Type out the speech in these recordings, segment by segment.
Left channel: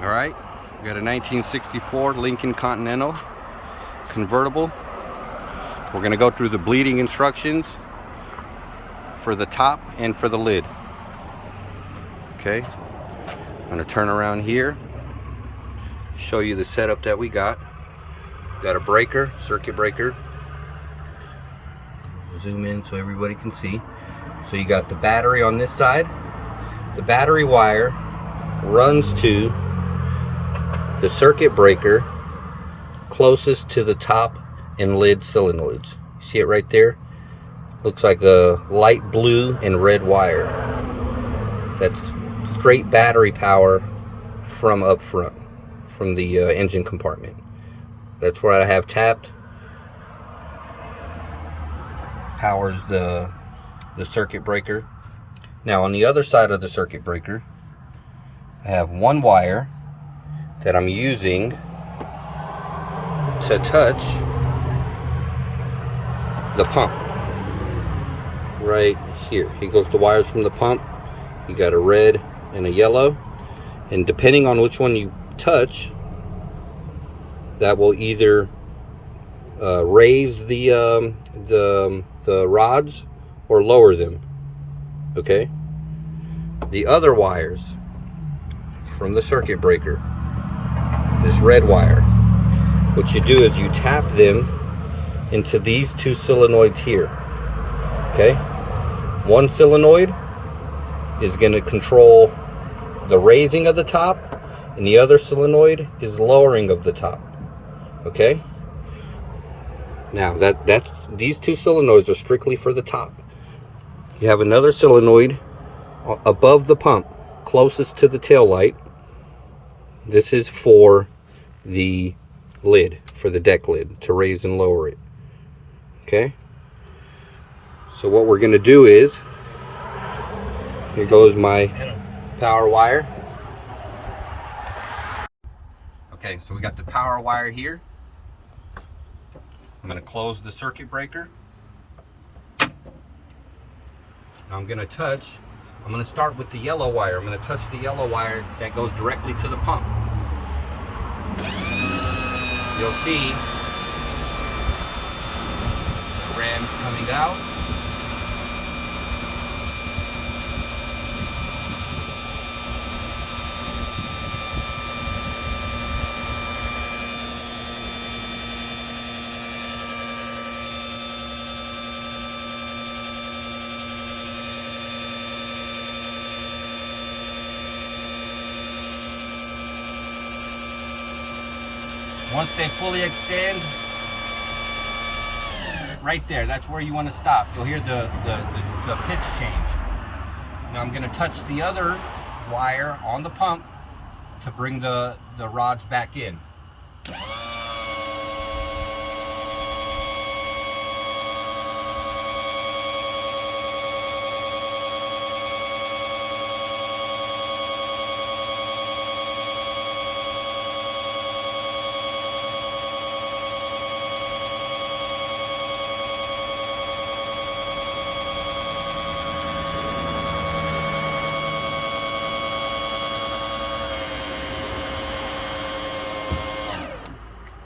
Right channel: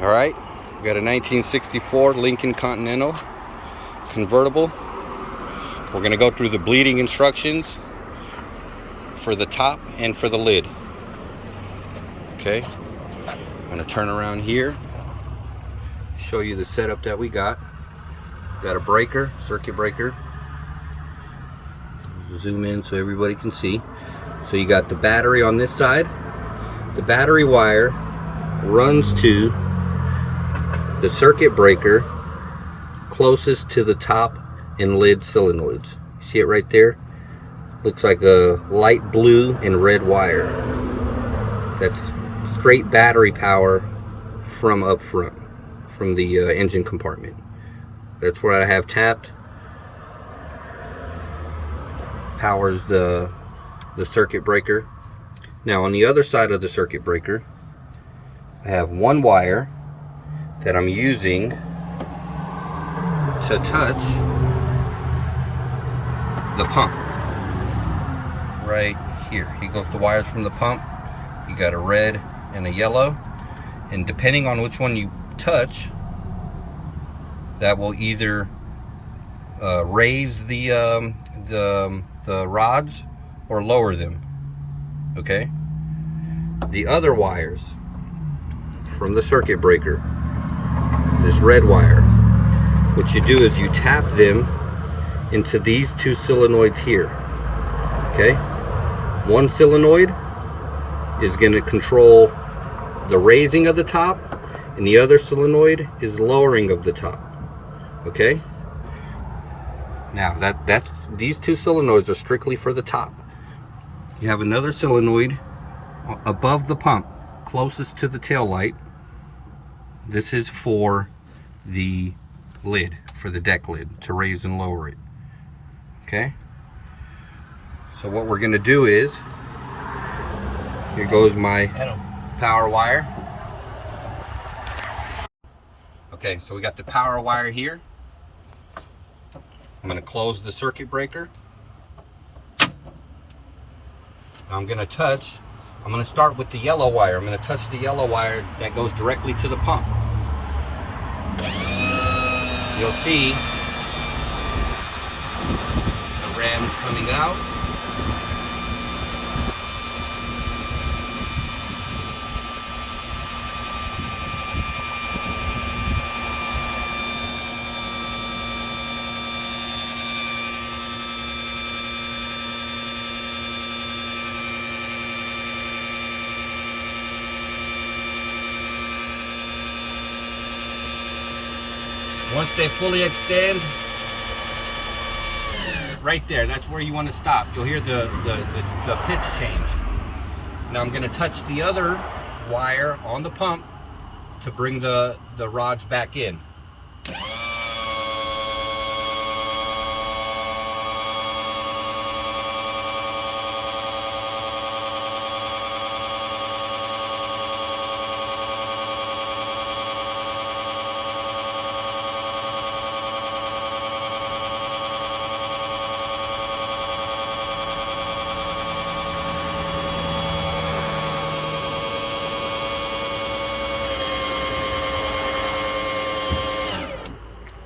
All right, we got a 1964 Lincoln Continental convertible. We're going to go through the bleeding instructions for the top and for the lid. Okay, I'm going to turn around here, show you the setup that we got. Got a breaker, circuit breaker. Zoom in so everybody can see. So you got the battery on this side. The battery wire runs to the circuit breaker closest to the top and lid solenoids. See it right there? Looks like a light blue and red wire. That's straight battery power from up front, from the engine compartment. That's what I have tapped. Powers the circuit breaker. Now on the other side of the circuit breaker, I have one wire that I'm using to touch the pump right here. Here goes the wires from the pump. You got a red and a yellow, and depending on which one you touch, that will either raise the rods or lower them. Okay, the other wires from the circuit breaker, this red wire, what you do is you tap them into these two solenoids here. Okay, one solenoid is going to control the raising of the top, and the other solenoid is lowering of the top. Okay, now that's these two solenoids are strictly for the top. You have another solenoid above the pump closest to the tail light. This is for the lid, for the deck lid, to raise and lower it. Okay, so what we're going to do is, here goes my power wire. Okay, so we got the power wire here. I'm going to close the circuit breaker. Now I'm going to start with the yellow wire. I'm going to touch the yellow wire that goes directly to the pump. You'll see the rams coming out. Once they fully extend, right there, that's where you want to stop. You'll hear the pitch change. Now I'm going to touch the other wire on the pump to bring the rods back in.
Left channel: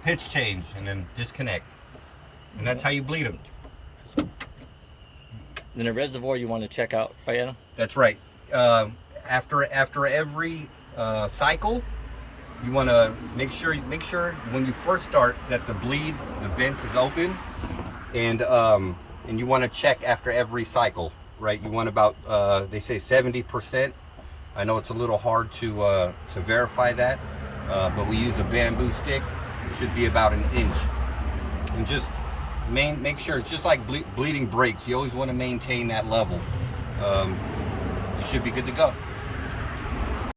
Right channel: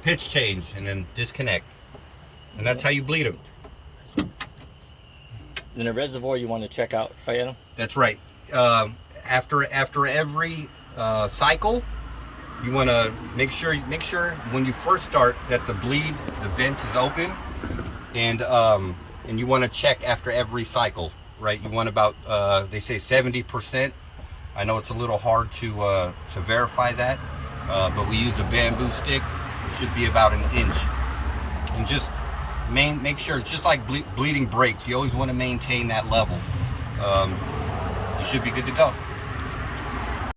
Pitch change and then disconnect, and that's how you bleed them. In a reservoir, you want to check out, right, Adam? That's right. After every cycle, you want to make sure when you first start that the vent is open, and you want to check after every cycle, right? You want about they say 70%. I know it's a little hard to verify that, but we use a bamboo stick. It should be about an inch, and just make sure it's just like bleeding brakes. You always want to maintain that level. You should be good to go.